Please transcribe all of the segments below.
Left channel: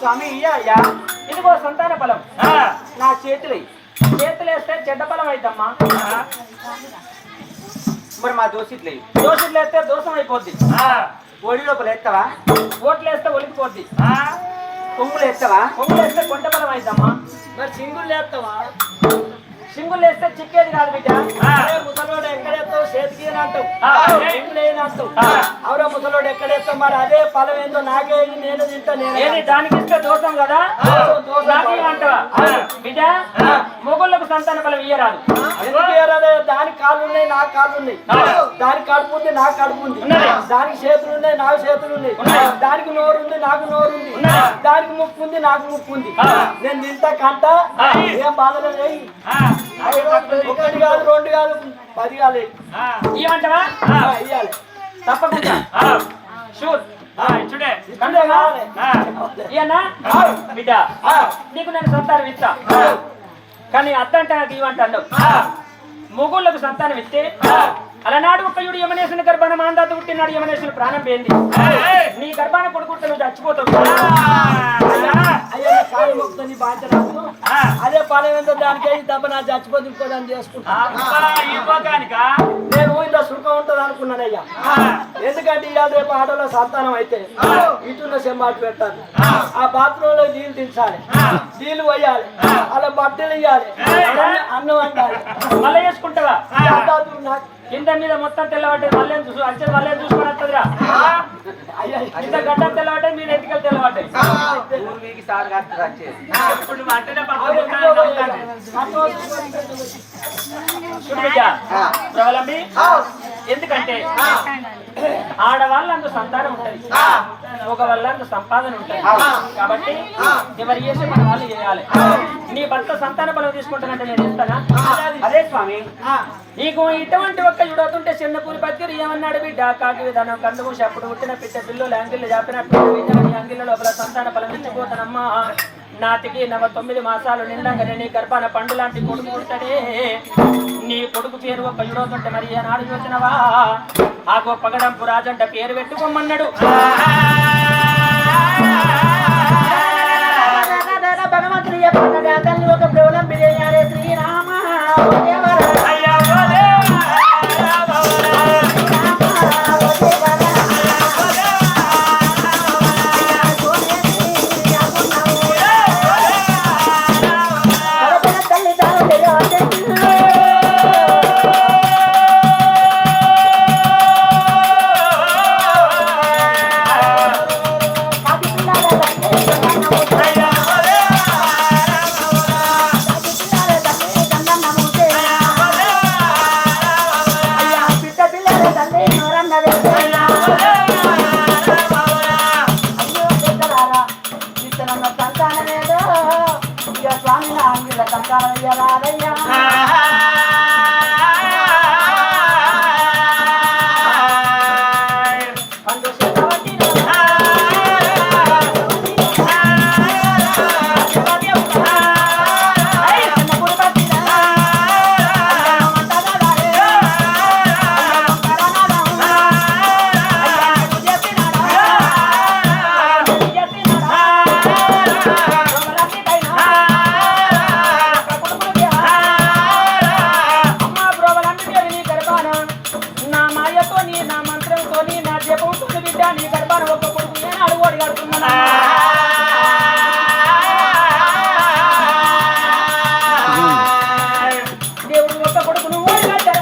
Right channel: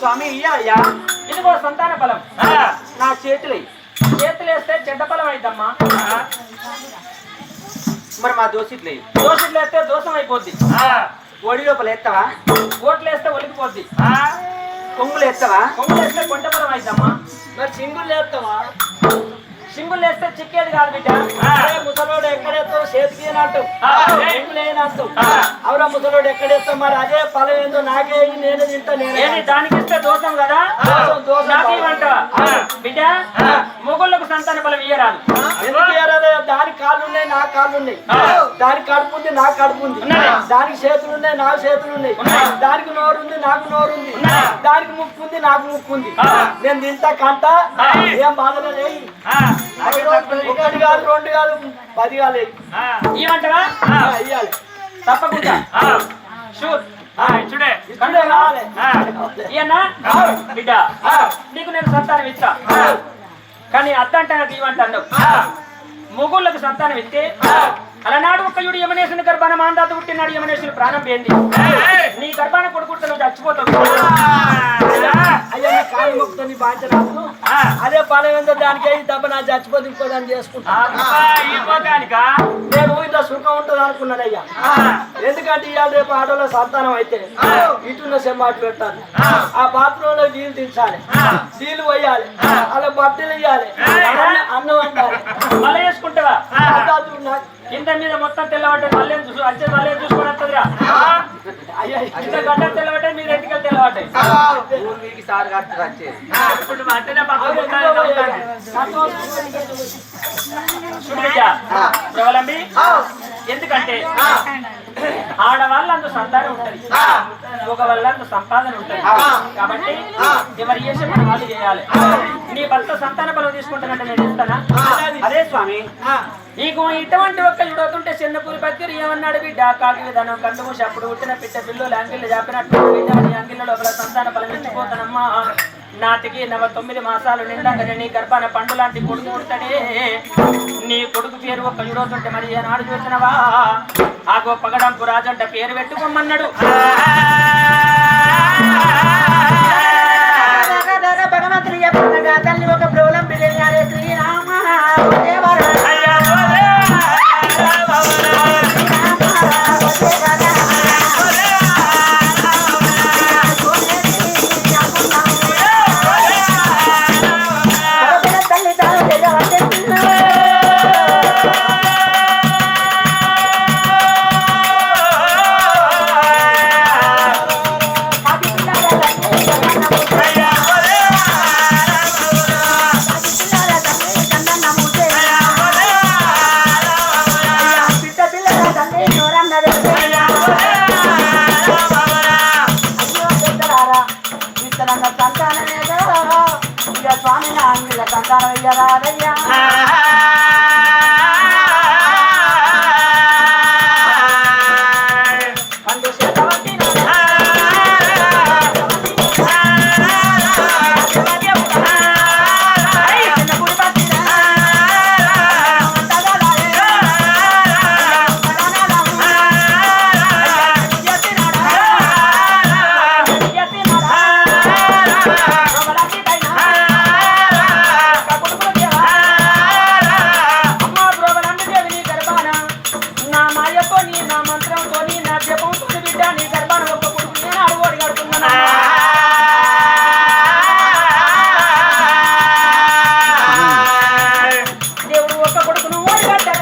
స్వామి అయ్యా ఇదిగో సంతాన ఫలం నా చేతులేస్తే చెడ్డ ఫలం అయిద్దమ్మా. మరి మా దోషిట్లే వేస్తే దోషం అయిపోద్ది. ఒడి లోపల ఎత్తవా, ఓట్లు వేస్తే ఒలికిపోద్ది. కొంగులు ఎత్తవా, కొంగులు వేస్తే కొంట ఫలం అయిద్దమ్మా. మరి సింగులు వేస్తావా, సింగులు వేస్తే చిక్కేది కాదు బిడ్డ. ముసలోడు ఎక్కడెత్తావు చేతికి అంటావు, సింగులు ఏనంటావు. అవురా ముసలోడు ఎక్కడెత్తావు, మరి అదే ఫలం ఏందో నాకే నేను తింటా. నేను దానికి ఇస్తే దోషం కదా, బిడ్డ. మొగోళ్ళకు సంతాన ఫలం ఇయ్యరాదు. ఎందుకు ఇయ్యరాదు? దానికి కాళ్ళు ఉన్నాయి, నాకు కాళ్ళు ఉన్నాయి. దానికి కడుపు ఉంది, నాకు కడుపు ఉంది. దానికి చేతులు ఉన్నాయి, నాకు చేతులు ఉన్నాయి. దానికి నోరు ఉంది, నాకు నోరు ఉంది. దానికి ముక్కు ఉంది, నాకు ముక్కు ఉంది. నేను తింటా కంట, ఏం బాధలేదు. ఒకటి కాదు, రెండు కాదు, 10 కాదు. ఇవ్వమంటావా? ఇవ్వాలి తప్పకుండా. షూర్ బిడ్డ, నీకు నేను సంతానం ఇస్తా. కానీ అద్దంట నాకు ఇవ్వంటాను. మొగుళ్ళకు సంతానం ఇస్తే అలనాడు ఒక్కయుడు యమనేశ్వరుని గర్భాన మాందాత పుట్టినాడు. యమనేశ్వరుని ప్రాణం పోయింది. నీ గర్భాన కొడుకుంటే నువ్వు చచ్చిపోతావు. అయ్యా నీ కాలు మొక్కుతో నీ బాధ్యత రాదు. అదే ఫలం ఏందో దానికే తప్ప నా చచ్చిపోతే ఇంకోదాన్ని చేసుకుంటా. నేను ఇంత సుఖం ఉంటుంది అనుకున్నాను అయ్యా. ఎందుకంటే ఇవాళ రేపు ఆటోలో సంతానం అయితే ఇటున్న సెమ్మాటు పెట్టాలి, ఆ బాత్రూమ్ లో నీళ్ళు దించాలి, నీళ్ళు పోయాలి, అలా బట్టలు ఇవ్వాలి, అన్నం వండాలి. మళ్ళీ వేసుకుంటావా? కింద మీద మొత్తం తెల్లబడ్డది. మళ్ళీ వచ్చేది మళ్ళీ చూసుకొని వస్తుందిరా. కింద గడ్డ తెల్లబడ్డాయి, మీరు ఎట్టుకలు తెల్లబడ్డాయి. ఎందుకంటే ఆడవాళ్ళందు సంతానం ఉంటది, ఒక వాళ్ళందు సంపాదన ఉంటది. కాబట్టి ఎవరు చేసే మన వాళ్ళు చేయాలి. నీ భర్త సంతాన బలం తీసుకుంటానంటే నేను ఇస్తానా? అదే స్వామి, నీకు ఇటువంటి ఒక్క యుడవుతుంటే చిన్నపూరి పత్తిరి ఏమన్నాడు బిడ్డ? కాకి విధానం కళ్ళు మూసి అప్పుడు పుట్టిన పిట్ట పిల్లలు అంగిళ్ళు చెప్పినట్టు నీ అంగిళ్ళ లోపల సంతాన బలం ఇచ్చిపోతానమ్మా. నాటికి 9 మాసాలు నిండాకనే నీ గర్భాన పండు లాంటి కొడుకు ఉంటాడే. నీ కొడుకు పేరు ఒక్క యుడవుతుంటే మరి ఏనాడు చూసినవా? ఆ గొప్ప పగడంపు రాజంట పేరు పెట్టుకోమన్నాడు. భగవంతుడు చెప్పగా తల్లి ఒక ప్రబలం బిర్యానీ శ్రీరామ నా మంత్రంతో నా జపంతో బిడ్డ నీ గర్భాన్ని ఒక్క కొడుకు నేను అడుగోడి కడుతున్నాను. దేవుడు ఒక్క కొడుకును ఓడి కట్టారు.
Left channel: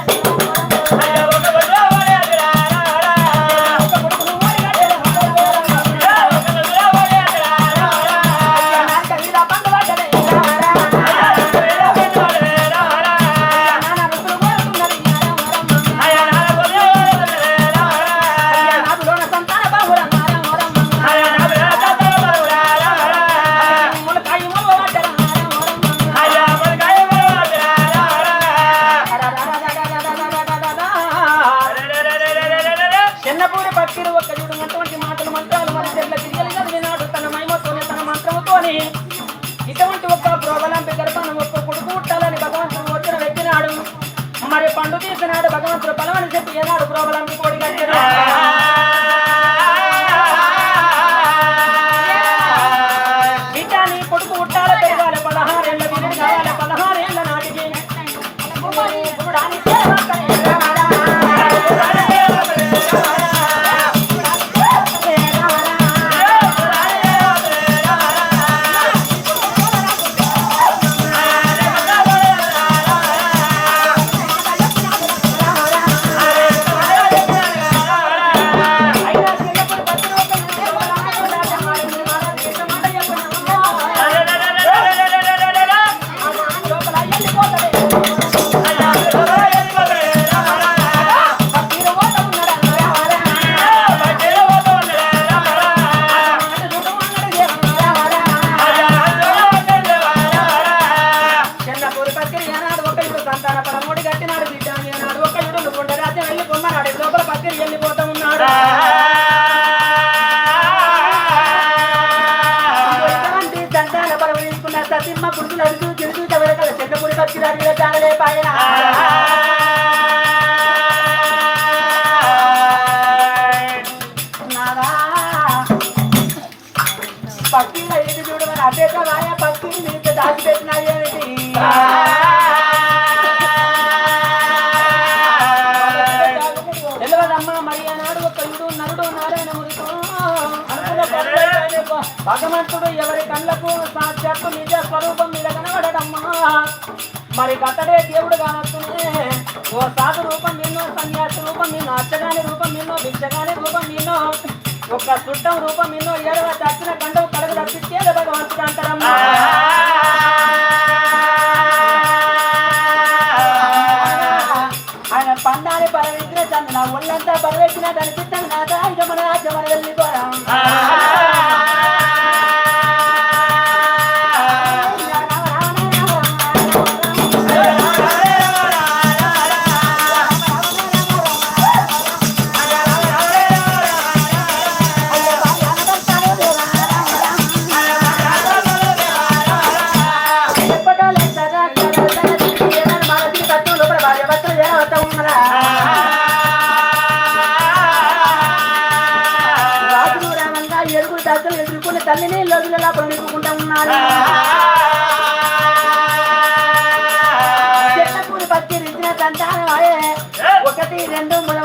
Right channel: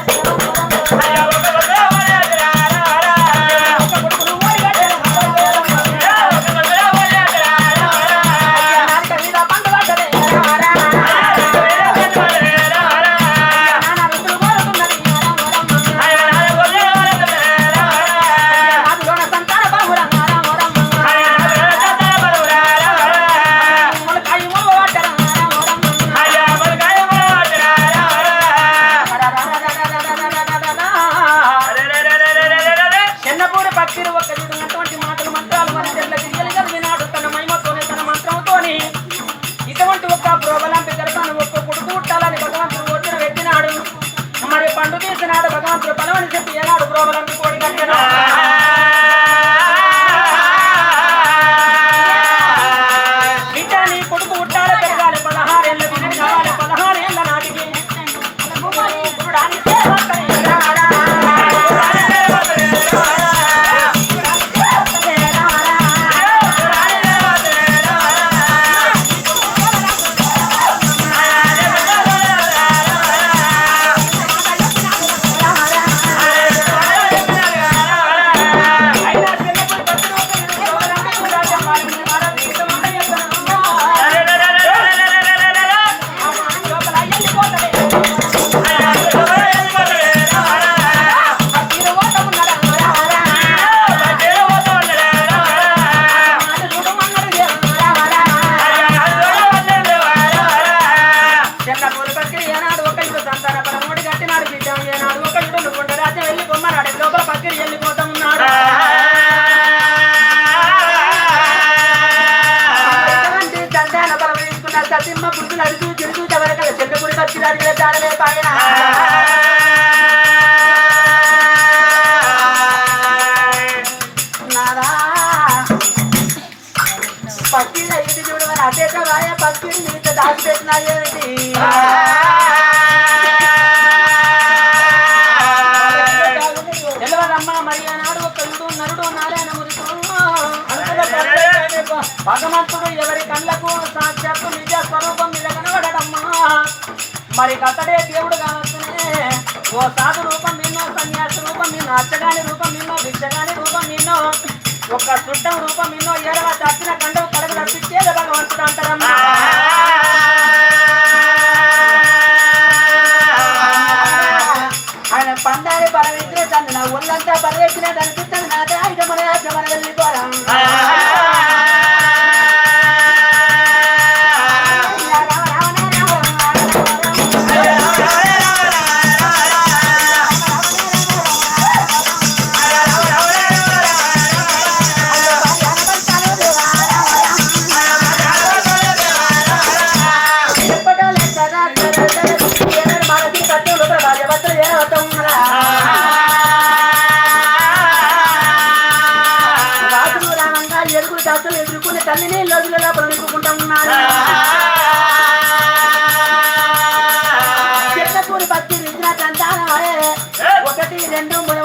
చిన్నపూడి భక్తులు ఒక్క చూడటువంటి మాటలు మంత్రాలు మన చెట్ల గింజలు చదివినాడు తన మహిమతోని తన మంత్రంతోని ఇటువంటి ఒక్క ప్రోబలాంటి గర్భాన్ని ఒక్క కొడుకు పుట్టాలని భగవంతుడు వచ్చిన పెట్టినాడు. మరి పండు తీసినాడు భగవంతుడు బలమని చెప్పి ఏనాడు ప్రోబలాంటి కోడి కట్టాడు. బిడ్డ నీ కొడుకు పుట్టాలి పెరగాలి 16 ఏళ్ళ బిడ్డ కావాలి 16 ఏళ్ళ నాటికి సతిమ్మ పురుగులు అడుగు తిరుగు ఎవరికల చెన్నపూడి పచ్చి అడిగిన చాలలే పైన పక్షిని ఎదుటి చూడమని అటేకవాయ పక్షిని నీకు దాచిపెట్టినా ఏమిటి తెలియదమ్మా మరి ఆనాడు ఒక నరుడు నారాయణ భగవంతుడు ఎవరి కళ్ళకు సాక్షాత్తు నిజ స్వరూపం మీద కనబడమ్మా. మరి కతడే దేవుడు కానొస్తూనే ఓ సాధు రూపం నిన్నో సన్యాస రూపం నిన్నో అచ్చగాని రూపం నిన్నో భిక్షగాని రూపం నిన్నో ఒక చుట్టం రూపం నిన్నో ఏడవ దక్షిణ కండవు కడుగు తప్పించేది భగవంతుడు అంటారమ్మా. ఆయన పందాలు బలవించిన తను నా ఒళ్ళంతా బలవేసిన కనిపిస్తాను నాదే ఐదమన మన వెళ్ళిపోరా ఎదుర్కొని తల్లిని లోతుల లోపల నింపుకుంటా ఉన్నారు. చెట్ల పూరి పచ్చి రుచిన సంతానం 1 2 3